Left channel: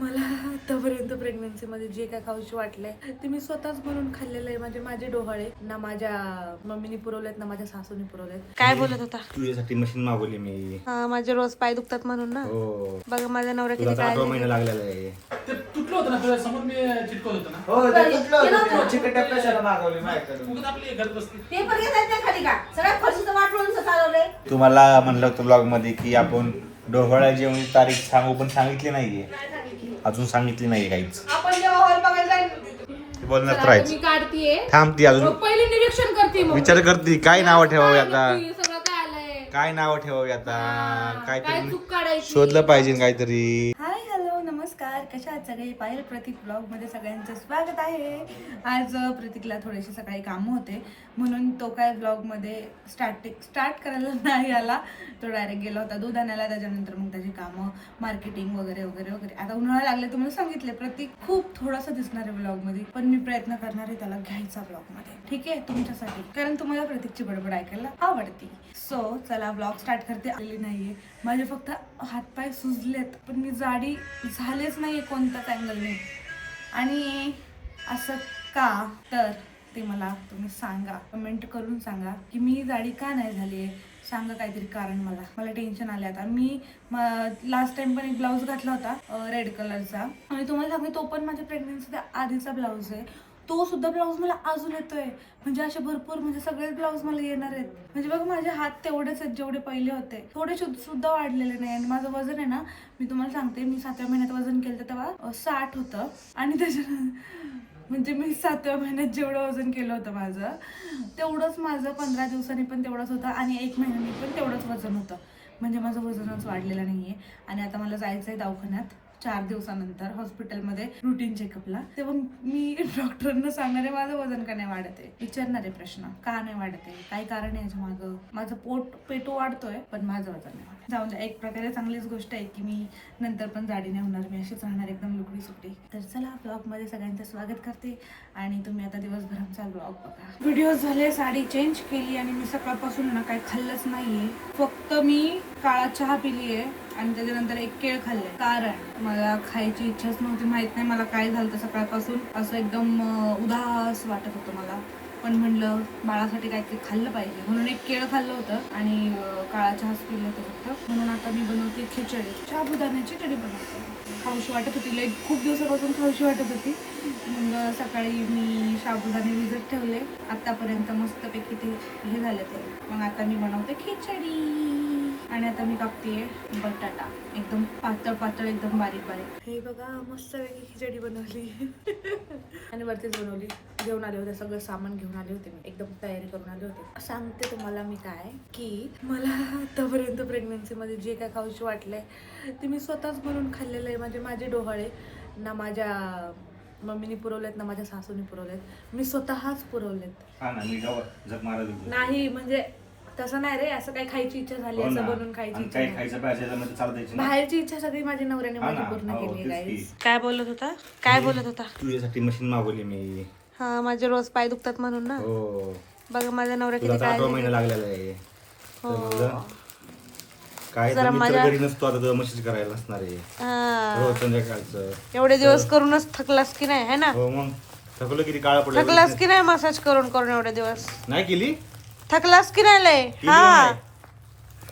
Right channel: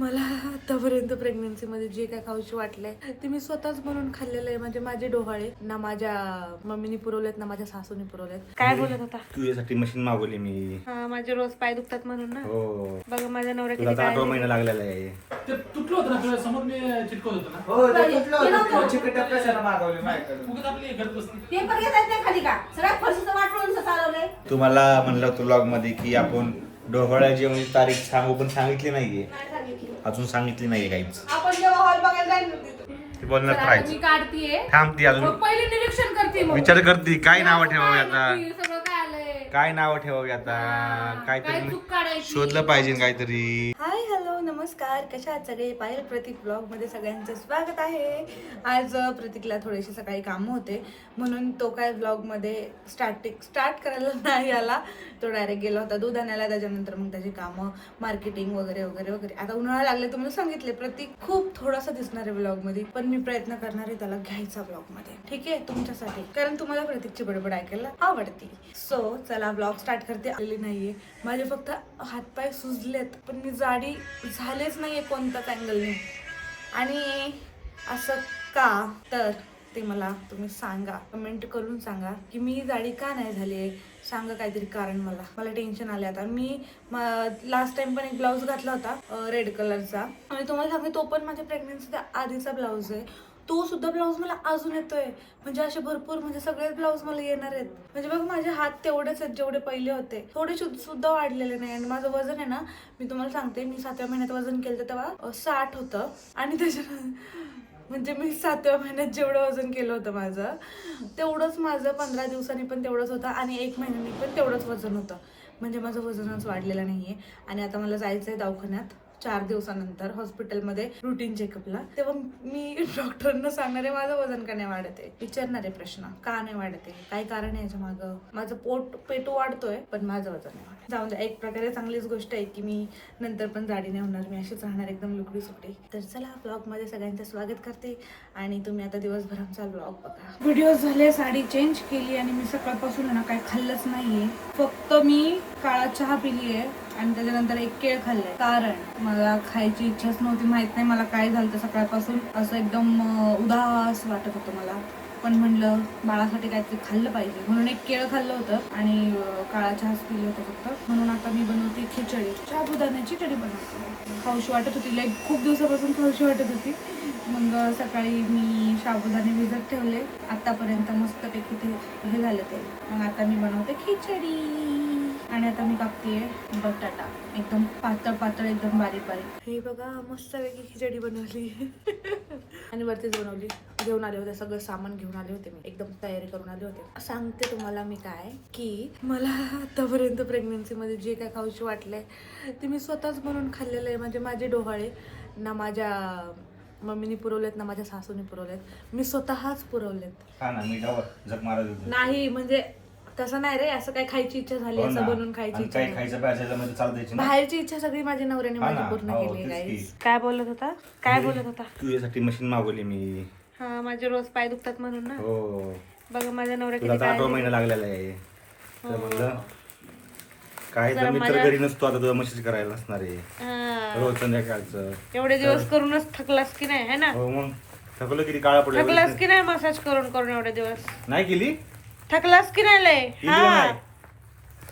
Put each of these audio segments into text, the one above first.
मला आतापर्यंत प्रेग्नन्सीमध्ये जे काय खाऊशी वाटलंय ते मी स्वतःच बनवून खाल्लेलं आहे. म्हणजे माझे डोहाळे ना माझ्या मम्मीने पुरवलेत ना माझ्या सासूने पुरवलेत. काय बोलत होता? तुझ्यासाठी मशीन मागवली मी. हा, माझे रोज पाय दुखतात म्हणून ना. हो, बघा माझ्या नवऱ्या तुला किती 8 महिना लागलेला आहे. ते तुटलं होतं ना तुझ्या समोर मी चिटकवत होतो ना. हो, ते तुटलं होतं. चिकट कशाला मागवली माझ्याकडे? फुगत आपली हे करत बसते. पेपर घेतात नाही खाली का सगळ्या फरशीचं वाटून चालवलंय. तुम्हाला म्हणलं होतं ब्लॉग मध्ये की आपण डोहाळ्या जेवणाची तारीख सांगू, पण सांगितली नाहीये. अजून सांगितली नाहीये काहीच. आपण जेव्हा हॉल बघायला ते बोलण्यात मी राहायचं. काढतीये, थांबती अजून पहिले निरीक्षण करते, मग विचार करते काय नाव ठेवावी आता, सगळं काय आलंय, काय नाव ठेवावी आता, काय काहीतरी चूक काढायची. शोधलं पाहिजे काहीतरी. हाय हॅलो नमस्कार, कशा आहात सगळे? पायल प्रतीक ब्लॉगमध्ये सगळ्यांचं स्वागत आहे. आज प्रतीकला थोडेसे सकाळी कामं होते म्हणून तो काय ब्लॉगमध्ये स्टार्ट करायला नाही आला. तो डायरेक्ट गेला होता दूध आणायला. त्याच्यानंतर मग त्याची कामं मार्केटिंग वगैरे वगैरे वगैरे. आता उन्हाळा लागले, तुम्हाला सांगितले प्रतीक खूप थोडासा दिसणार आहे ब्लॉगमध्ये, पण मी प्रयत्न करणार आहे त्याला घ्यायचा ब्लॉगमध्ये. ठीक आहे, तुमच्यासाठी, कारण तुम्हाला प्रतीकची बडबड ऐकायला आवडते. सो चला ब्लॉग स्टार्ट करते. आलेली नाहीये, माझे फक्त हातपाय सुजलेत पण मी जाडी झालेच नाहीये कोणत्याच अँगलने. आणि असं का, तर ते मला तुम्ही सांगा, कमेंट करून सांगा की मी जाडी का नाही झाली. सांगा काहीतरी कारण. मला टेन्शन आले आता. मी लास्ट टाइम पण एक ब्लाऊज घातला होता रेड कलरचा, आणि तुम्हाला सांगते तो पण माझ्या प्रेग्नन्सीचा आधीचा ब्लाऊज आहे. तो सुद्धा ब्लाऊज मला अजून येतोय. म्हणजे असे भरपूर, म्हणजे सगळेच ब्लाऊज मला येणार आहेत. म्हणजे बघा माझे हात तेवढेच आहेत जेवढे पहिले होते, थोडे सुद्धा वाढलेले नाही. आणि माझं वजन आहे ना, मी तुम्हाला सांगते, मी 7व्या महिन्यात वजन केलं तेव्हा 60 होतं. आणि त्याच्यानंतर म्हणजे मी 7व्या महिन्यात जेवढं वजन केलं होतं माझं, तेवढंच माझं 15 दिवसांनी पण तेवढंच होतं, आणि 1 महिन्यानी पण तेवढंच वजन होतं. म्हणजे माझं वजनच वाढलेलं नाहीये. आणि आता मला जायचंय दवाखान्यात 4 दिवसानंतर हॉस्पिटलमध्ये रुटीन चेकअपला. तेव्हा मी डॉक्टरांना सांगणार आहे माझं वजन का नाही वाढत आहे, विचारणार आहे प्रश्न, का नाही वाढत आहे, काय कारण आहे याच्या मागं. माझं पेटू वाढतोय पण माझं वजन नाही वाढत. जाऊन द्या, एक प्रकारे चांगलीच गोष्ट आहे की मी नंतर पण जाडी नाही होणार, मी अशीच राहणार एकदम लुकडी सुकडी. तर चला ब्लॉगमध्ये सगळ्यांचं स्वागत करते. आणि तुम्ही आता दिवसभर आमचा ब्लॉग बघा. व्हिडिओ झाले, साडी चेंज केली, आणि मी सकाळपासून ना काय खाल्लंच नाहीये. फक्त मी काळा चहा पिलीये आणि त्याच्यानंतर एक केळ खाल्ले, कारण मला खायची इच्छाच नव्हती. माहित नाही मला काय झालं, सकाळपासून असं एकदम उदास वाटत होतं मला. पण म्हणलं बाळासाठी काहीतरी खाल्लं पाहिजे म्हणून एक केळ खाल्लं होतं आणि काळा चहाच पिलं होतं फक्त. म्हणून आता मी बनवते खिचडी, साबुदाण्याची खिचडी बनवते. खाऊशी वाटत होती, लाईक खूप दिवसापासून खाऊशी वाटत होती. मग सकाळी मी साबुदाणे भिजत ठेवले, आतापर्यंत मस्तपैकी ते हे झालं ते. मग आता मी बनवते खिचडी. आणि आता मी कापतेय बटाटा, एकदम पातळ पातळ, एकदम बारीक बारीक. हे बघा मस्तपैकी खिचडी बनवली. आणि वरतीच बनवली. घेऊन आले होते सगळं सामान, घेऊन आले होते मी, एकदम तयारी करून आले होते. सांगते तुम्हाला मी काय, की मला आतापर्यंत प्रेग्नन्सीमध्ये जे काय खाऊशी वाटलंय ते मी स्वतःच बनवून खाल्लेलं आहे. म्हणजे माझे डोहाळे ना माझ्या मम्मीने पुरवलेत ना माझ्या सासूने पुरवलेत, मी स्वतःच पुरवलेत. नाही म्हणजे तसं नाही रे, असं काही खायची इच्छा झाली असं बनवून खायची इच्छा नाही. बाहेरची इच्छा सगळी माझ्या नवऱ्याने माझी पूर्ण केली. गाईस काय बोलत होता? काय बोलत होता? तुझ्यासाठी मशीन मागवली मी. हा, माझे रोज पाय दुखतात म्हणून ना. हो, बघा माझ्या नवऱ्या तुला किती 8 महिना लागलेला आहे. तर म्हणलं काय, जरा तर मी तर माझ्या- घरी नसतो आता, तुझा मशीन करायला असणार आहे रोज संध्याकाळचं. एवढे दिवस करूनच थकलास की नाही, है ना? हो, मग थकलो किती, काळा पडला. थकलास की नाही मसाज करून करून एवढे दिवस? नाही केली. थकलास की नाही लय? केली हा, का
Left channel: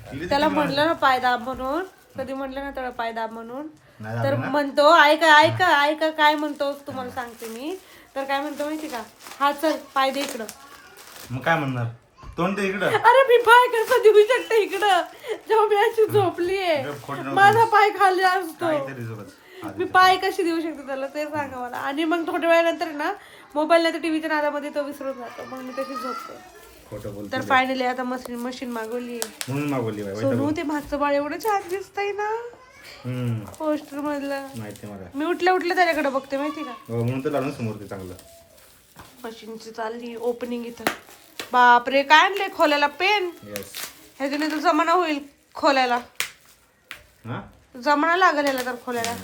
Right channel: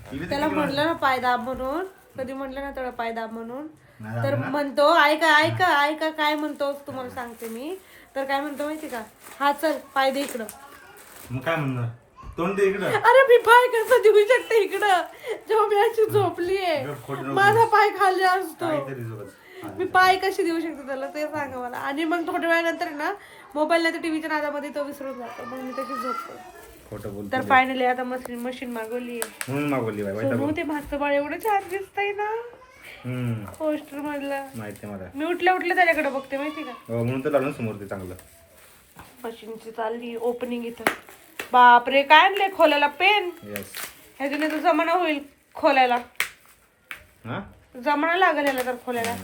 नाही? त्याला म्हणलं ना पायदाब म्हणून, कधी म्हणलं ना त्याला पायदाब म्हणून, नाही तर म्हणतो ऐका ऐका ऐका काय म्हणतो तुम्हाला सांगते मी. तर काय म्हणतो माहिती का, हा चल पाय दे इकडं. मग काय म्हणणार, तोंड दे इकडं. अरे मी पाय कसं देऊ शकते इकडं, जेव्हा मी अशी झोपलीये, माझा पाय खाली असतो, काहीतरी जोरात. मी पाय कशी देऊ शकते त्याला ते सांगा मला. आणि मग थोड्या वेळानंतर ना मोबाईल नाही तर टीव्हीच्या नादामध्ये तो विसरून जातो, मग मी तशी झोपते. खोटं बोल. तर फायनली आता मशीन मागवली म्हणून मागवली बाई. सोनू. ते मागचं बाळ एवढं छान दिसतंय ना पोस्टर मधलं. माहिती आहे मला. मी उठल्या त्याच्याकडे बघते माहिती का. हो, म्हणून तर लावलं समोर ते चांगलं. मशीनची चालली ओपनिंग इथं. बापरे काय आणले खोलायला, पेन. यस. ह्याच्याने तर जमाना होईल खोलायला, हा, जमाना लागेल याला तर खोलायला.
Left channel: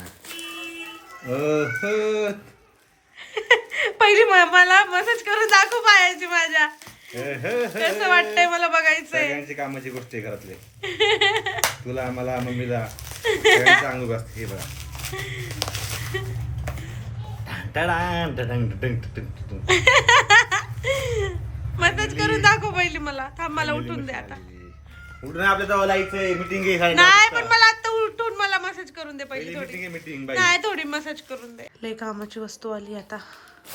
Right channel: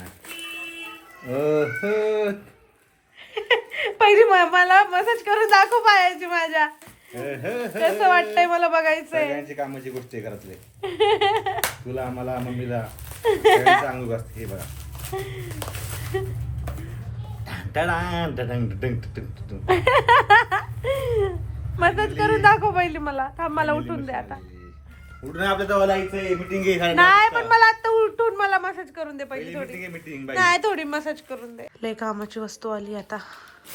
पहिली मला मसाज करून दाखव पायाची माझ्या, कसं वाटतंय मला बघायचंय. सगळ्यांची कामाची गोष्ट आहे घरातले. तुला, मला, मम्मीला सगळ्यांचं अंग असते. हे बघा टडान, टडंग, टडंग, टडंग, टडंग. मसाज करून दाखव पहिली मला. थांब मला उठून दे आता. उठून आपल्या जवळ जायचंय मीटिंग आहे नाही पण मला आता उठून मला मसाज करून दे पहिली थोडी. मीटिंग नाही थोडी मसाज करून दे. लय कामाची वस्तू आली आता.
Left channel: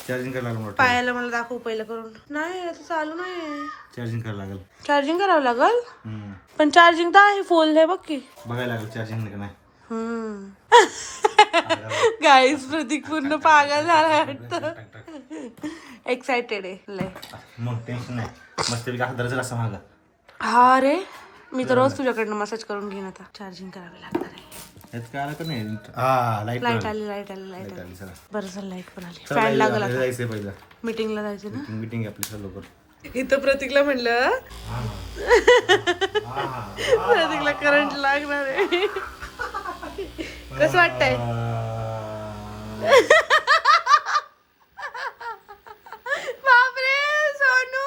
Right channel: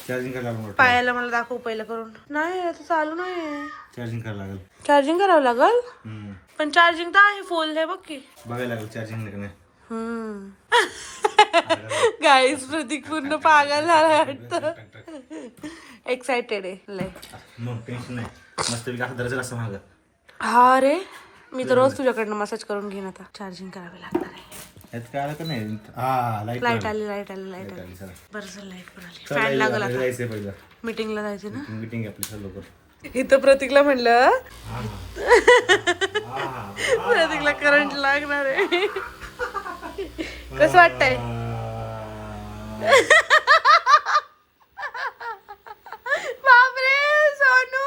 चार्जिंग करायला लागलं पायाला मला दाखव पहिलं करून. नाही आता चालू नाही. चार्जिंग करायला लागेल चार्जिंग करावं लागल. पण चार्जिंग तर आहे फुल आहे बघ की. बघायला लागेल चार्जिंग नाही. गाईस प्रतीक पूर्ण पागल झाला वाटतं. एक्साइटेड आहे लय. मग टेन्शन नाही मस्त असं धरायचं असं मागं. हा रे मी तर रोज तुझ्याकडनं मसाज करून घेईन आता. चार्जिंग करावी लागणार आहे. यात काय आलं का नाही हा लाईट लाईट आली चला बरं झालं लाईट पण आली. चला, फॅन लागल आता. जायचंय पहिलं मीटिंगला जायचं ना. मीटिंग आपली चल लवकर. इथं प्रतीकला म्हणलं प्रतीकला करंट लागणार आहे. कसं वाटतंय? बापरे सोनू.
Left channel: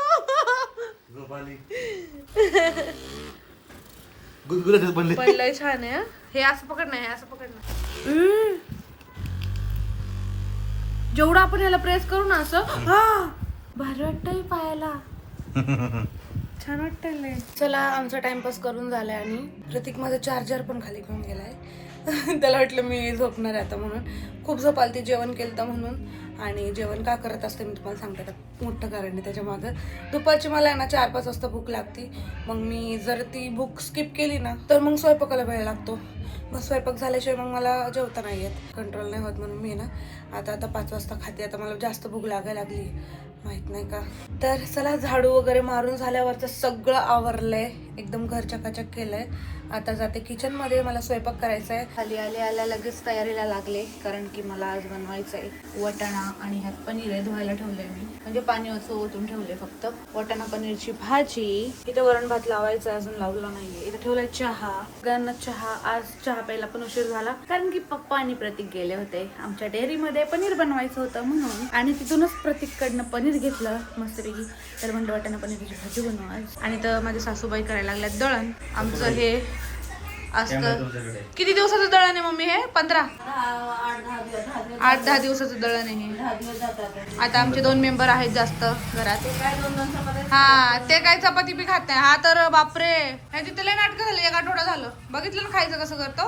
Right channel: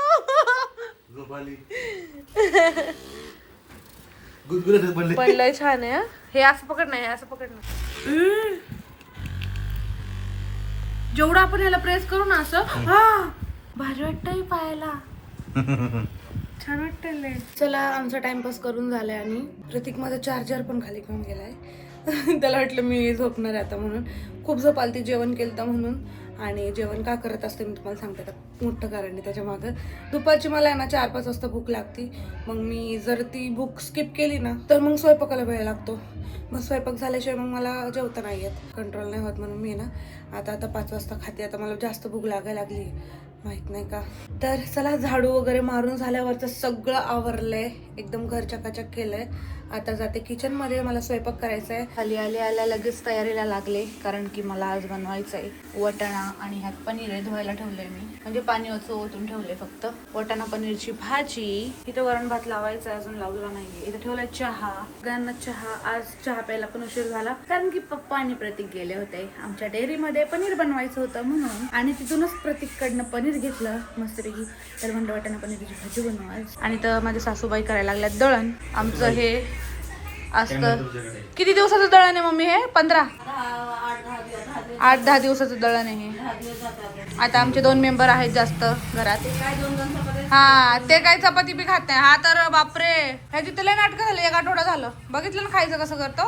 पण लय छान आहे हं. हे असं पकड नाही, हे असं पकड नाही. जेवढं आपण ह्याला प्रेस करू ना असं भारी वाटतंय पायाला. छान वाटतंय. चला आमचा टाइमपास करून झालाय आणि प्रतीक माझा चार्जर पण खाली घेऊन गेलाय. त्याला वाटलं मी झोपणार आहे आता म्हणून. खूप झोप आली ती जेवण केलं तर म्हणून. आणि जेवण का करत असते मी तुम्हाला सांगते. आता मोठं कारण आहे त्याच्या मागं. दुपारची मला आहे ना 4-5 वाजता भूक लागती. मग मी जर ती भूक स्किप केली ना तर मग स्वयंपाकाला वेळ लागतो. मग स्वयंपाक झाल्याशिवाय मग मला जेवता नाही येत, कंट्रोल नाही होत. म्हणून मी ना आता 5 वाजता खाते. आता मला जास्त भूक लागायला लागली माहित नाही का. तर चला झाडू वगैरे मारून झाल्यावरचं सगळं आवरलंय, एकदम घर चकाचक केलंय. आता जाते किचन मध्ये. मला स्वयंपाक करायचा आहे. खाली आल्या लगेच तयारीला लागले कारण की मला आज बनवायचं आहे वटाणा आणि ह्यात पनीर आहे. धुवायला ठेवलंय मी, म्हणजे पाणी ओतून ठेवलंय फक्त. वटाणा पनीरची भाजी. इथे वरण भात लावायचा अजून लावला नाहीये. इथे ठेवलाय चहा. सगळ्यांना चहा. आज चहा प्यायला पण उशीर झाला कारण की पप्पा आणि प्रतीक गेले होते आमच्या डेअरीमध्ये पनीर बनवायचं होतं म्हणून. आणि तिथूनच प्रतीककडनं पनीर घेतलं मस्तपैकी. तर म्हणलं वटाणा पनीरची भाजी बनवू आज. आणि तर माझ्या सासूबाई करायला लागल्यात दळण. आमचं हे असतं. किती दिवसाचं दळण आहे मम्मी हे? 15 8-10 दिवसाचं दळण आहे हे. आता आमचे 2 मेंबर आहेत जास्त घरात. हा ते काय चपाती बी खात नाही. हा तर बापरे ह्याची तर लय नाटकं झालं. 1 आठवडा झालं. बघितलं ना खायचं कसं करतो.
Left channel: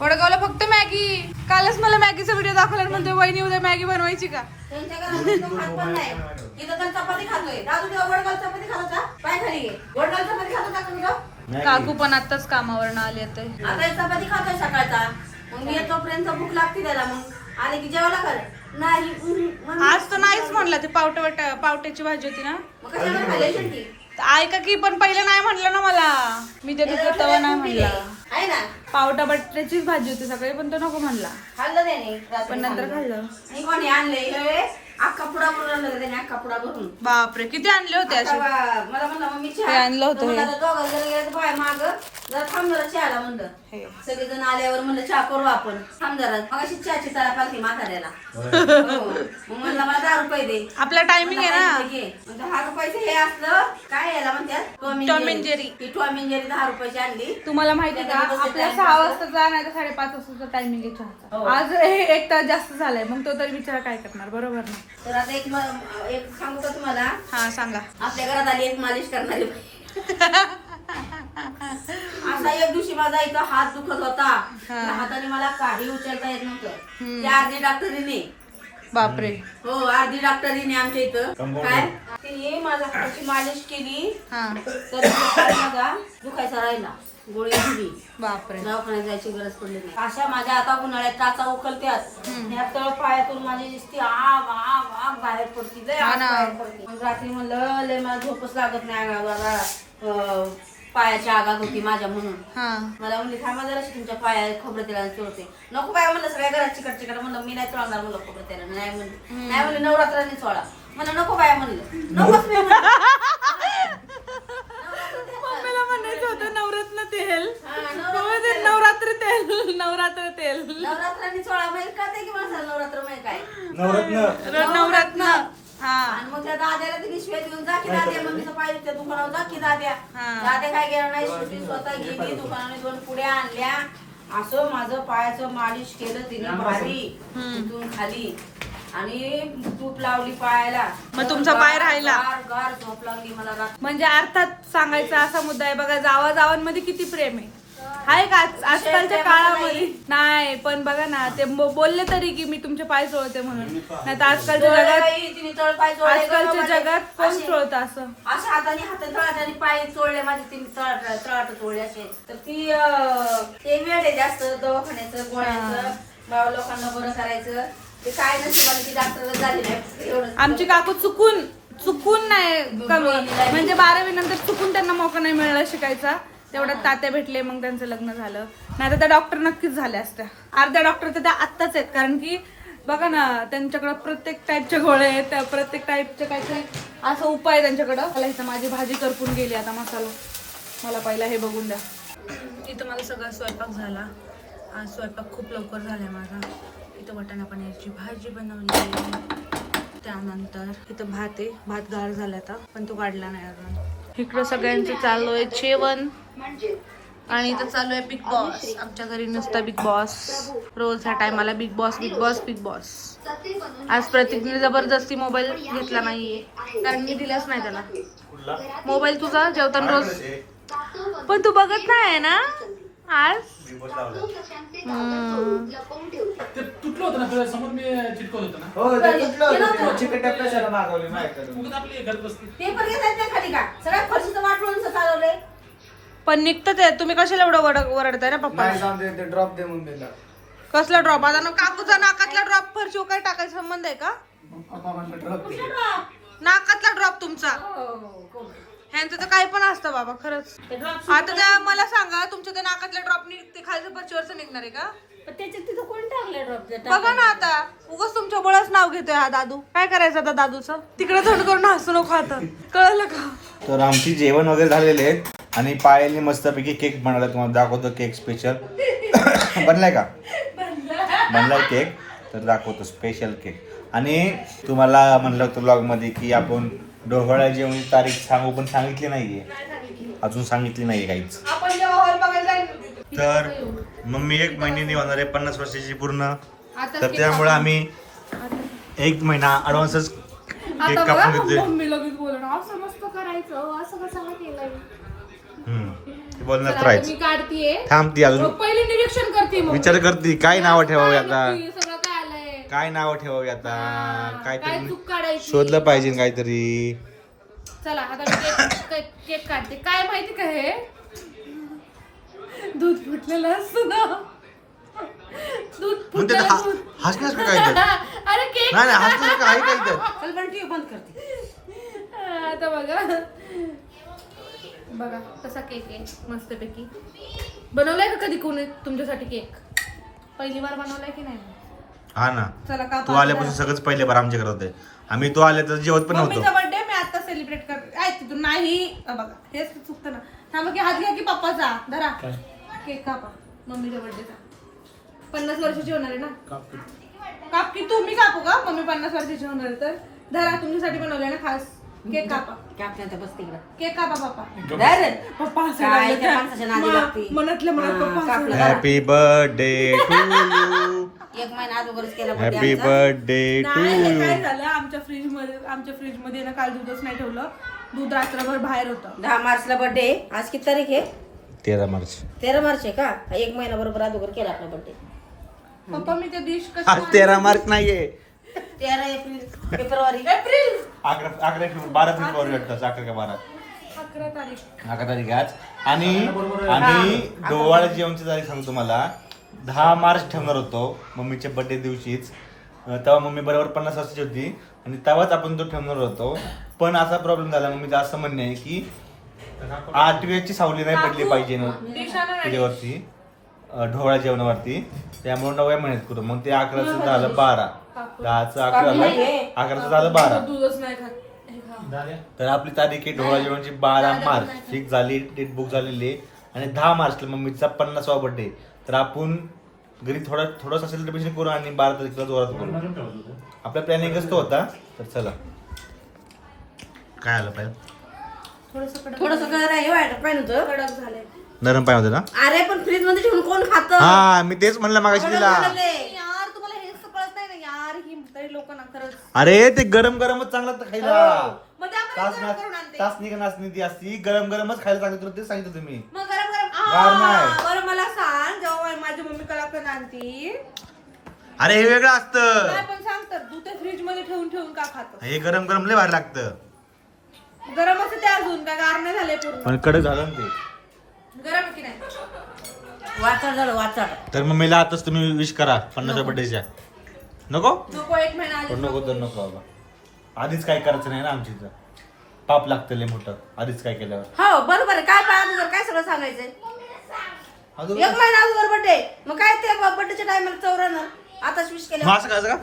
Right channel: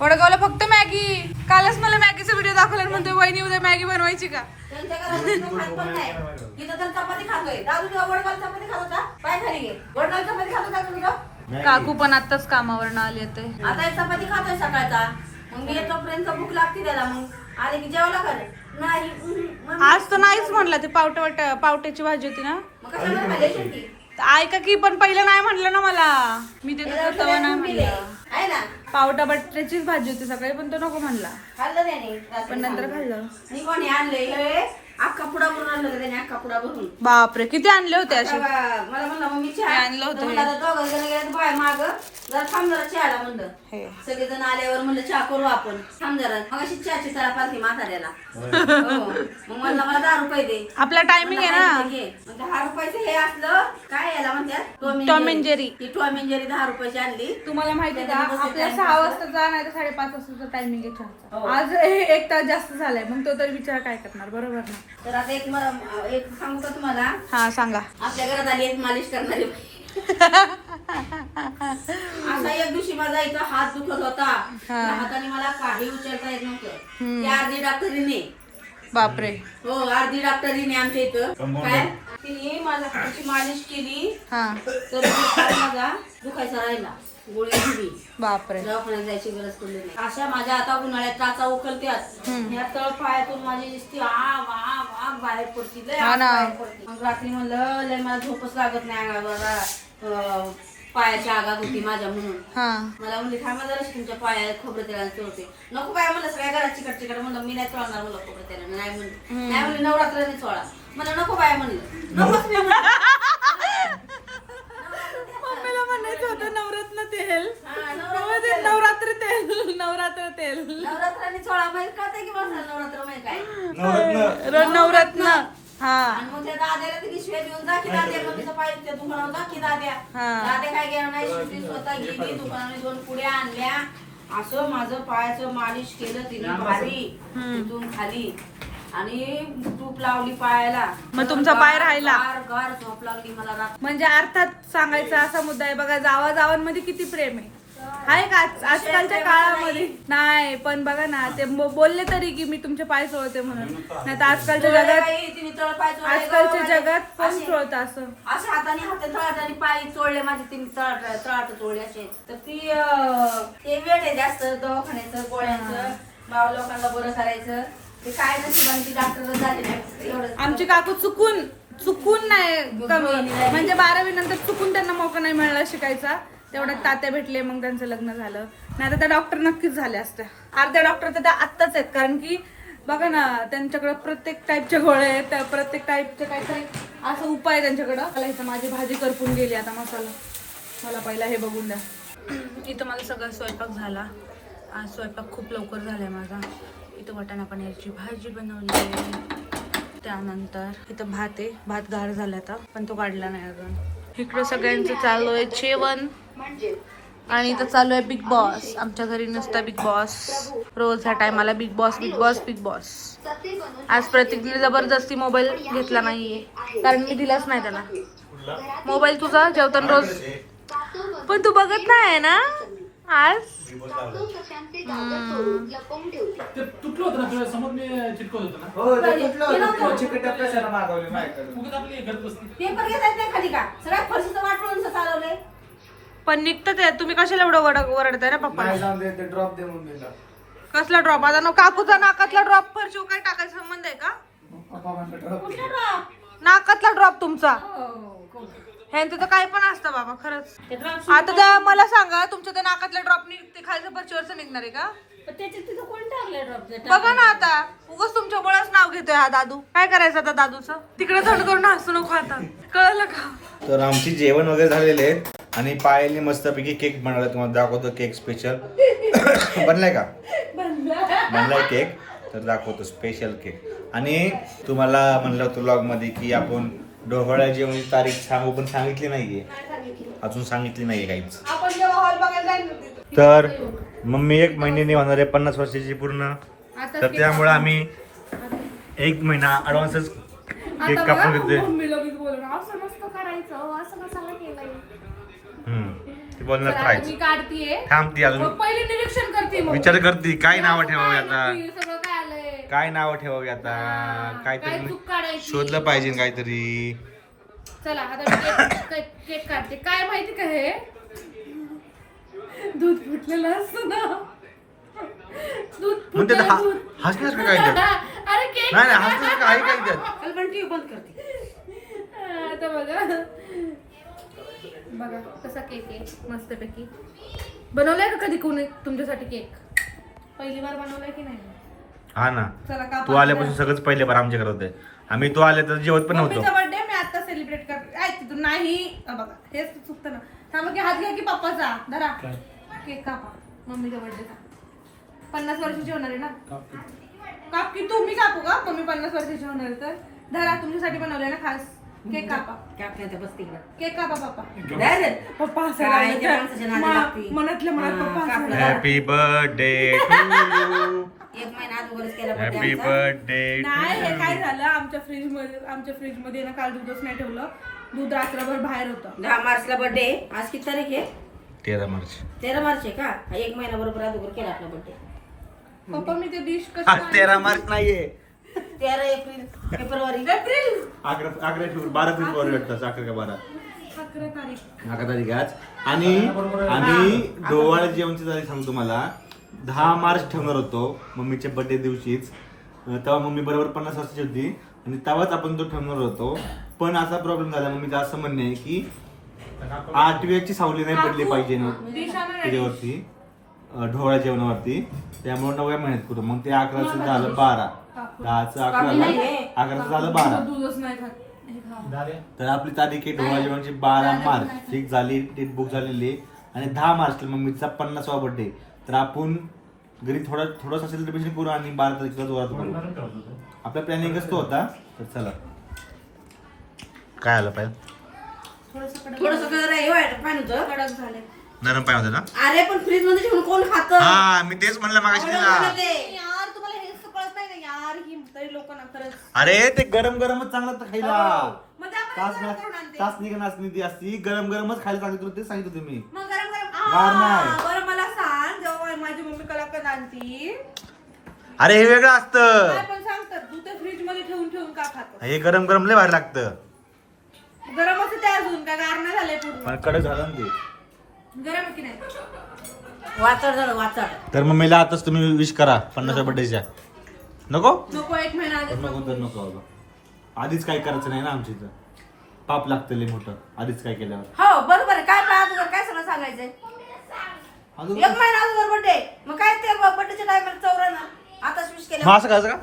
वडगावला फक्त मॅगी. कालच मला मॅगीचा व्हिडिओ दाखवला म्हणते वहिनी उद्या मॅगी बनवायची का. काकू पण आताच कामावरनं आली आता चपाती खातोय सकाळचा. मग मी येतोपर्यंत भूक लागते त्याला. मग आले की जेवला कर नाही. आज तर नाहीच म्हणलं. ते पावट्याची भाजी होती ना. मग कशाला खाल्ली शेवटी? ऐका की पण पहिलं नाही म्हणलं ना मला. मी ते तवा नाही म्हणलं. आहे ना पावटा बटाट्याचीच भाजी होती सकाळी पण तो नको म्हणला. खाल्लं त्याने. पण नंतर खाल्लं. मी कोणी आणले अख्खा पुडा भरून आणलं त्याने. अख्खा पुडा भरून. बापरे किती आणले होते असे. मला म्हणलं मग मी चहा आणलं होतं बाय माग जरा थांब जरा चहाला म्हणलं. सगळेजण आल्यावर म्हणलं चहा करू आपण. थांब जरा मग अशी चहाची तरा पालखी म्हाताऱ्याला. मग म्हणलं मला 10 रुपये दे. आपला टायमिंग आहे ना. 10 रुपयाचे हे असलं काय याला म्हणतात टॉम अँड जेरी. ती टॉम अँड जेरी 10 रुपयाची आणली. तुम्हाला माहिती का आपल्या 6 वाजताचा नाही तर 5:30 वाजताचा टायमिंग आहे चहाचा. आज 1 तास जास्त झालाय. मग तो तरी बिचारा काय करणार बरोबर ना. तर आता एक सांगू का तुम्हाला. हा सांगा. आपल्या घरात आली एक मालिश करणारी बाई. असा एक दिवशी माझा इथं हात दुखत होता. हाताने मला काही उचलता येत नव्हतं. त्या अर्धी डॉक्टरीने. बापरे. हो अर्धी डॉक्टरीने आमच्या इथं काय तिने माझ्या हाताची मालिश केली. तर माझा दुखायचा राहिला. गोळी दिली. बापरे. दवाखान्यात जायची गरज पडली नाही. अशा माझ्या आता उन्हाळ्यात टाचा उकलत्यात. या तळ पायातून माझी दिसती आग आग आग बाहेर पडती. लय आग बाहेर पडते. मग रात्री म्हणलं लय मला झोपच लागत नाही अंगाला. पायाची आगाग होती माझ्या म्हणून. मला म्हणली थांबा जरा तुमच्या पाया खोबरं तेलाने चोळते. नको बाय म्हणलं सगळ्या घरात चिकट चिकट. म्हणलं मी नाही चोळणार म्हणलं खोबरं तेलाने. नाही म्हणली नाही म्हणली नवरात्राने चोळा. मला नको बाय म्हणलं. नकोच मी मम्मीला म्हणायचं होतं नवरत्न तेल. नवरात्र तेल. नवरात्र तेल. नवरात्राने चोळा माहिती कळते की मला नवरात्र माहिती काय नवरत्न. आणि मग त्या दाद्याला तिने शिव्या देऊन जा की दाद्या मम्मीचं पाय त्या दुकानावर जा की दाद्या. दाद्या काय गेला नाही. शेवटी स्वतः गेली दुकानाने 2 पुड्या आणल्या असं माझं पायाचं मालिश केलं तिने भारी तिथून खाली आणि तूप लावली पायाला. मग तुमचा पाय राहिला? गार गार झोप लागली मला रात्री. म्हणजे अर्थात सांगायचा असा मुद्दा आहे बघा, जावाजावांमध्ये किती प्रेम आहे का आजकालच्या काळामध्ये? नाही पण बघा ना, ते बोलले तरी की मी तुमचे पाय चोळते म्हणून, नाही तर आजकालच्या आजकालच्या जगात कोण चोळतं असं? असे हाताने पाय चोळले माझे, तिने तळाट चोळले असे. तर ती ते वेळ आहे जास्त दवाखान्याचं गोळ्याचं, बाबा लोकांना बरं करायचं. ते काय नशिबाने ती डॉक्टर झाली नाही एवढं. आमची काकू चुकून नाही कमी, म्हणजे 12वी नंतर चुकून त्यांना मौका नाही मिळाला शिकायचा. तेवढ्यात तात्या भेटले, मग त्यांचं लग्न झालं. नाही तर त्या डॉक्टर नक्कीच झाल्या असत्या. अर्ध्या डॉक्टर तर त्या आत्ताच आहेत, कारण की बघा ना त्यांच्याकडं प्रत्येक टाईपच्या गोळ्या आहेत, त्या प्रत्येक टाईपचे काहीतरी असं उपाय त्यांच्याकडं. मला इथं माझी भाजी करपून गेली आता मसाला. मला पहिला हे बघून द्या. इथं माझा सगळा स्वयंपाक झाला. आज स्वयंपाक खूप लवकर झालाय माझा. इथं वाटाणा पनीरची भाजी बनवली, त्यानंतर इथं भात आहे. भात गार झाला आता, पण तो काढला नाही अजून. इकडं सगळ्यांचं चालू आहे जेवण आणि इथं चालू आहे बिग बॉस. आमच्या घरी नसतं बिग बॉस, रोज ह्या टायमाला big boss big boss big boss. आज प्रतीकने जबरदस्ती मोबाईल घेतला नाहीये, कारण मी दिलाच नाही त्याला मोबाईल. तुझा जेवताना रोज, पण तू बघत नाही ना आज. ते तुटलं होतं ना तुझ्या समोर मी चिटकवत होतो ना. हो ते तुटलं होतं. चिकट कशाला मागवले माझ्याकडे? उगाच आपली घरात बसते. पेपर घेतात नाही खाली का? सगळ्या फरशीचं वाटून चालवलंय. पण निघतं ते. तुम्ही कशाला एवढं वरडताय ना पप्पा? नाही जाऊन दे, ड्रॉप दे मम्मीला. कसला ड्रॉप? आता काकूचा नाकातला ड्रॉप फरशी काय टाकायचा संबंध आहे का? पप्पा म्हणलं ड्रॉप दे. नाकातला ड्रॉप तुमचा? ह्यांचं तर काही पण असतं बाबा, खरंच. आता त्या मला सांगा, तुमच्या त्या नाकातल्या ड्रॉप ते खालच्या फरशीवरच निघणार आहे का? त्याच्यात तिथं कोण टाकलं ड्रॉप? बघा ना आता, उगाच तुमच्या बळच नाव घेतोय हा दादू. काय करायचं आता दादूचं? तिकडे थंड करून हसू नको आता, कळलं का? तर आमची जेवण वगैरे झालेले आहेत आणि पायलने मस्तपैकी केक बनवला. तुम्हाला दाखवतो केक स्पेशल. बनलाय का? बनलाय केक, तर दाखवतो स्पेशल केक. आणि तुम्हाला म्हणलं होतं ब्लॉगमध्ये की आपण डोहाळ्या जेवणाची तारीख सांगू, पण सांगितली नाहीये, अजून सांगितली नाहीये काहीच. आपण जेव्हा हॉल बघायला तर मम्मी 1 महिन्याने होणार आहे 50 वर्षाची पूर्ण. तर त्यामुळे आम्ही 1 महिना ऍडव्हान्सच केक कापून घेतोय. मम्मी लगेच बोलणार असं मस्त करायचं, असं कशाला केलंय? ते बोलणार तर आहेच. मी काढतीये, थांबती अजून, पहिले निरीक्षण करते, मग विचार करते काय नाव ठेवावी आता, सगळं काय आलंय, काय नाव ठेवावी आता, काय काहीतरी चूक काढायची, शोधलं पाहिजे काहीतरी. चला आता मी केक काढते. काय माहिती का, हे दूध फुटलेलं असतं ना, दूध मग ते फुटलेलं दूध. हसण्यास काय त्यात? अरे केक नाही नाही हसण्यास काही काय त्यात? बंद करते. आता बघा कसा केक आहे, मस्तपैकी. बनवलाय का कधी कोणी तुमच्यासाठी केक? पहिली बार बनवलाय की नाही? हा ना, चला का तू आल्यापासून सगळंच पहिले बार आमच्या घरात होते. आम्ही तू आले तर जेवत पण नव्हतो. मम्मीचा बर्थडे मी आता सेलिब्रेट करते. ऐक तिथून नाही, बघा हेच चुकतं ना. थांबा की हात घ्या की पप्पाचा, धरा केक कापा. मम्मीच्या बर्थडेचा 50 वर्षाची होणार आहे ना. काप की तुम्ही कापू का? मम्मी 50 वर्षाची होणार आहे तर धरा, तुमच्यासाठी बनवलंय ना खास. केक कापा, केक कापा पप्पा. पप्पा काय त्या माणसाच्या नादी लागती. मनातल्या मनात पप्पा हसायला. हॅपी बर्थडे टू यू, 1 महिना अगोदरच केला birthday हॅपी आमचा. बर्थडे टू नाही, हे यू. काय झालं, आमच्या फ्रीजमध्ये ना काल दूधच नाही ठेवलं. दूध रात्रभर बाहेर होतं. 10 मार्चला बर्थडे. आज किती तारीख आहे? 13 मार्च. 13 मार्च आहे का? 1 महिना बरोबर अगोदर केला आपला बर्थडे. पप्पा मी ते डिश आज 13 मार्च नाहीये, 13 April February. April 11 February, 12 February वाटतं. 11 का 12? 11 तारीख. 11 तारीख आज. आणि आम्ही डोहाळे जेवणची तारीख सांगतो तुम्हाला. 10 मार्च ठेवणार होतो मम्मीच्या बर्थडे दिवशीच. तेव्हा मम्मी बरोबर 50 वर्षाची होती आणि तेव्हाच आपण तो ठेवणार होतो. पण असा प्रॉब्लेम झाला, मम्मीचं असं म्हणणं आहे की 8व्याची सावली नाही पडली पाहिजे ना त्याच्यावरती, ढोळ्या जेवणावरती. त्यामुळे 9व्या महिन्यात करू. मग ते 11चं झालं 12, 10चं 11ला, 11चं झालं 12. दूधच नाही खात. हे खा. तर आपली तारीख आहे ढोळा जेवणाची 12 मार्च फिक्स झाली, डेट बुक झालेली आहे. आणि 10 मार्चला मम्मीचा 50वा बर्थडे. तर आपण घरी थोडंसं सेलिब्रेशन करू आणि 12 तारखेला जोरात करू. आपला प्लॅनिंगच तो होता. तर चला, काय आलं पाहिजे थोडंसं कलर आहे, व्हाईट पाहिजे होतं. कडक झाले. नरम पाय होते ना. अरे पण फ्रीज मध्ये ठेवून कोण खातं? हा मी तेच म्हणलं मागाशी तिला. यार तुम्हाला हेच तर कळत नाही ना यार, ही म्हातारी लोक ना खरंच. अरे ते गरम गरमच चांगलं लागतं खायला. मग त्या तास गरम करून आणते. तासनी का नाचणी ती असती गरम गरमच खायला सांगितलं ते सांगितलं तुम्ही. मग गरम गरम गार नाही. बरं मला सांग, जेव्हा माझी मम्मी कलाकंद आणती अरे हे वेगळं असतं. काय पण सांग तर तू ते फ्रीज मध्ये ठेवून ठेवून का खातो? हे गरम गरम लय भारी लागतं. गरम असं ते अजून का गार नाही झाले पूर्ण? कडे झालं ना ते. गरम आहे की नाही? वाचड झालं वाचड. तर मम्मीला आताच तुम्ही विश करा 50व्या बर्थडेच्या. नको नको, 1 महिना आधी. नको तर नको बाबा. आधीच काय करायचं नाही ना आमच्या इथं. पाप लागतं लय मोठं आधीच काय केल्यावर. हो बरोबर आहे. काय पण अगोदर काय सगळं सांगायचंय? अजून 1 महिना अगोदर बर्थडे. मग काय ते बर्थडेच्या टायमाला चौरानं आताच विश केलं. मग असं करायचं का?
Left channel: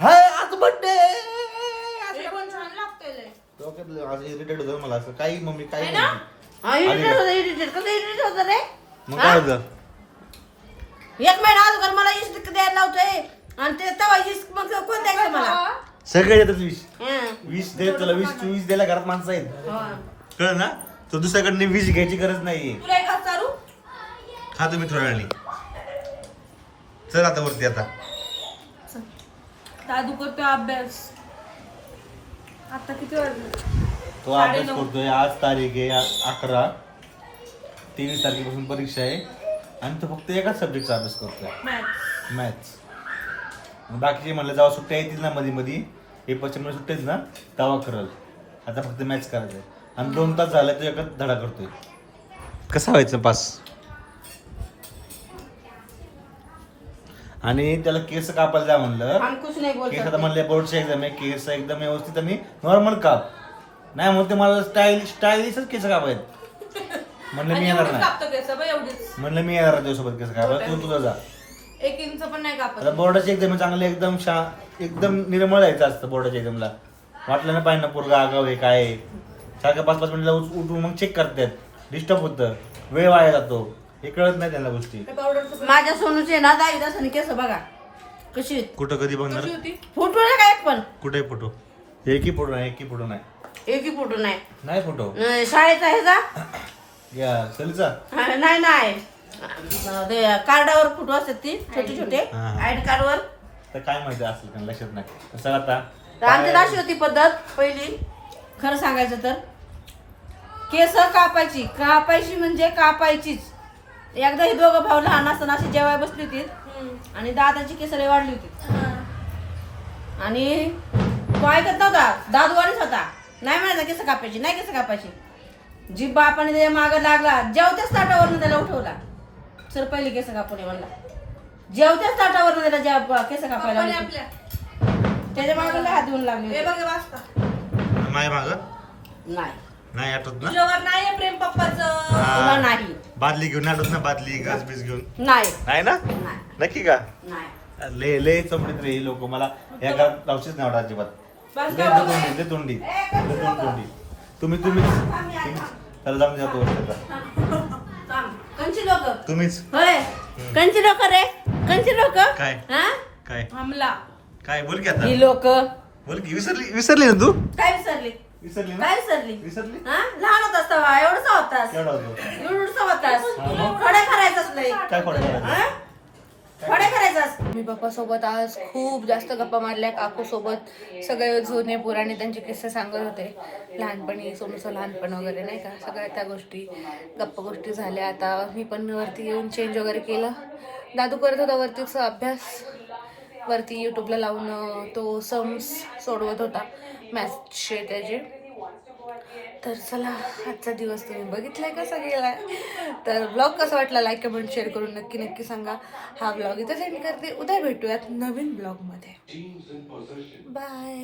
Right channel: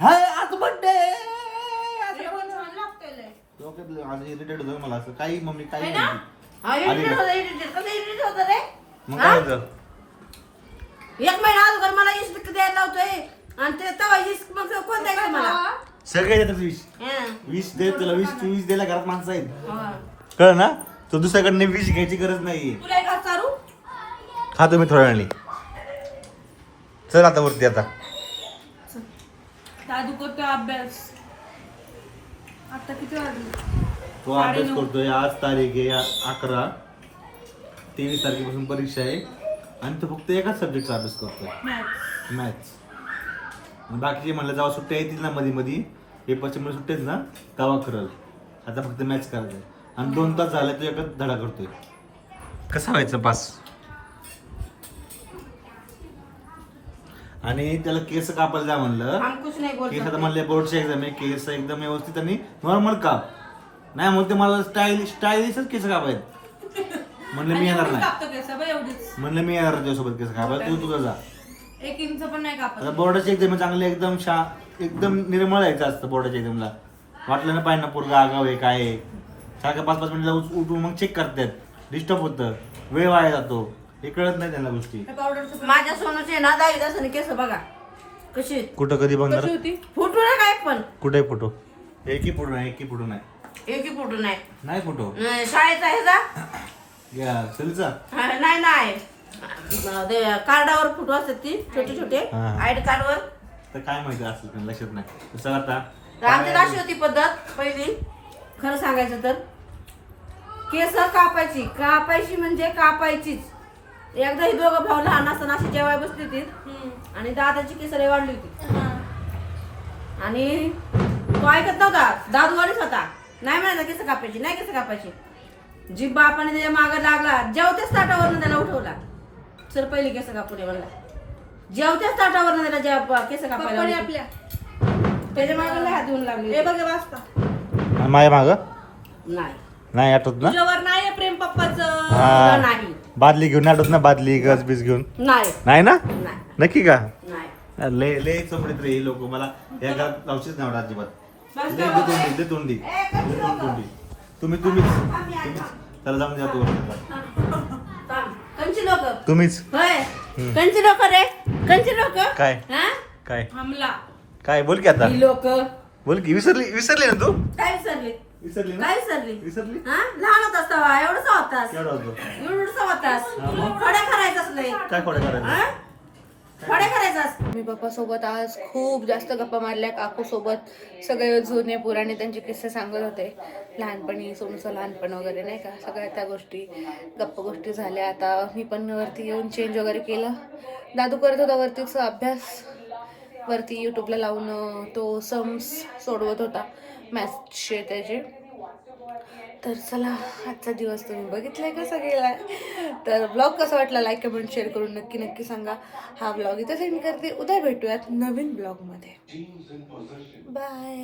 हाय आज बर्थडे. हे पण छान लागतंय लय. आज इरिटेट होतं मला असं काही मम्मी काही है ना? म्हणते. हा, irritate होतं, irritate. कसं irritate होतं रे? मग काय होतं? 1 महिना अगोदर मला इष्ट द्यायला लावतोय आणि ते तेव्हा इष्ट मग कोण द्यायचं मला? सगळे येतात विश. हं. विश दे तुला विश तू विश द्यायला घरात माणसं आहेत. हा. कळ ना तो दुसऱ्याकडनं विश घ्यायची गरज नाही. तुला एक हात चालू? खा तुम्ही थोड्या वेळाने. चल आता वरती आता. दादू करतोय अभ्यास. आता किती वाजले? तो अभ्यास करतोय. आज तारीख आहे 11. 23 तारखेपासून परीक्षा आहे आणि तो फक्त एकाच सब्जेक्टचा अभ्यास करतोय, मॅथ्स. मॅथ्स. बाकीचे म्हणलं जेव्हा सुट्ट्या येतील ना मध्ये मध्ये पेपरच्या मध्ये सुट्ट्याच ना तेव्हा करल. आता फक्त मॅथ्स करायचंय आणि 2 तास झाले तो एकच धडा करतोय. कसा व्हायचं पास? आणि त्याला केस कापायला जा म्हणलं. अंकुश नाही बोलत. केस आता म्हणले बोर्डची एक्झाम आहे, केस एकदम व्यवस्थित आणि नॉर्मल काप. नाही म्हणते मला स्टाईलिशच केस कापायत. म्हणलं मी येणार नाही. कापतो केस बघ एवढीच. म्हणलं मी येणार त्याच्यासोबत केस कापायला. तू तुझा जा. 1 इंच पण नाही कापत. आता बोर्डाची एक्झाम चांगली एकदम एकदम निर्मळ यायचं असतं बोर्डाच्या एक्झामला. वाटलं ना पाहिजे ना पोरगा आगाव आहे काय आहे. सारखं 5-5 मिनिटला उठून मग चेक करतात. डिस्टर्ब होतं, वेळ वाया जातो. हे कळत नाही त्यांना गोष्टी. माझ्या सोनूचे ना 10 तासाने केस बघा कशी आहेत. कुठं कधी बघणार? कशी होती? फोटो नाही काय पण कुठे फोटो? एकही फोटो नाही, एकही फोटो नाही. एकही फोटो नाही. नाही फोटो शाळेचा ह्याचा या सलीचा. नाही नाही ते कार्डावर फोटो असतात ती छोटे छोटे हा, हा. आयडी कार्डवर. तर काय माहिती असेल त्यांना लक्षात नाही. तर चला आता आमच्यात अशी होती पद्धत पहिली. खरं सांगायचं तर केस कापायची म्हणजे कापायचीच. एकदा ही दोघं भाऊ लहान असताना अशी जेवाय बसली होती आणि दादाची केस लय वाढली होती आणि तो ऐकत नव्हता. दादूवाडीच होता. नाही म्हणायचा केस कापायची, नाही केस कापायची. जी बापाने त्याच्या मागं लागला. जेवत्याच ताटावरनं त्याला उठवला. सर पहिले केस कापून ये म्हणला. जेवत्याच ताटावरनं त्याला केस कापायला कोणी लावले. आपल्या? त्याच्या मागं हात देऊन लागले हे होते. बघ हे वाचता. माझ्या माग नाही नाही आठवत ना. तुझ्यावर नाही प्रेम पप्पाचं. हा. नाही बादली घेऊन आठवत ना. बादली गज बीज घेऊन नाही नाही ना. नाही नक्की का? नाही. लय लय चमडीत रे लोक. मला या घरात लावशीच नाही आवडत अजिबात. बस दे का तोंडी दे तोंडी दे तोंडी. तुम्हीच त्याला जाऊन जातो कंची लोक तुम्हीच. होय कंची लोक रे. कंची लोक काय हा काय हमला. काय बोल की आता. ही लोक बोल की. विसरली ना तू. काय विसरली विसरली ना. काय विसरली विसरली. हा लहान होतास तेव्हा एवढंच होतास. केवढा होतो? एवढंच होतास. हा, मग? खडे करायचंच नाही. काय खोडं करायचं? खडे करायचंस. मी पप्पा सोबत आज खूप जास्त गप्पा मारल्या. काकू सोबत सगळे जुने पुराणे त्यांचे किस्से सांगत होते. लहानपणी सोनूचं लहानपण वगैरे नाही का, सगळ्या त्या गोष्टी गप्पा गोष्टी झाल्या. आता मी पण वरती येऊन चेंज वगैरे केलं. दादू करत होता वरतीचा अभ्यास. वरती यूट्यूबला लावून तो सम्स सोडवत होता मॅथ्सचे त्याचे. तर चला आजचा दिवस तुम्ही बघितलाय कसा गेलाय. तर ब्लॉग कसा वाटला लाईक कमेंट शेअर करून नक्की सांगा. हा ब्लॉग इथं सेंड करते. उद्या भेटूयात नवीन ब्लॉगमध्ये. बाय.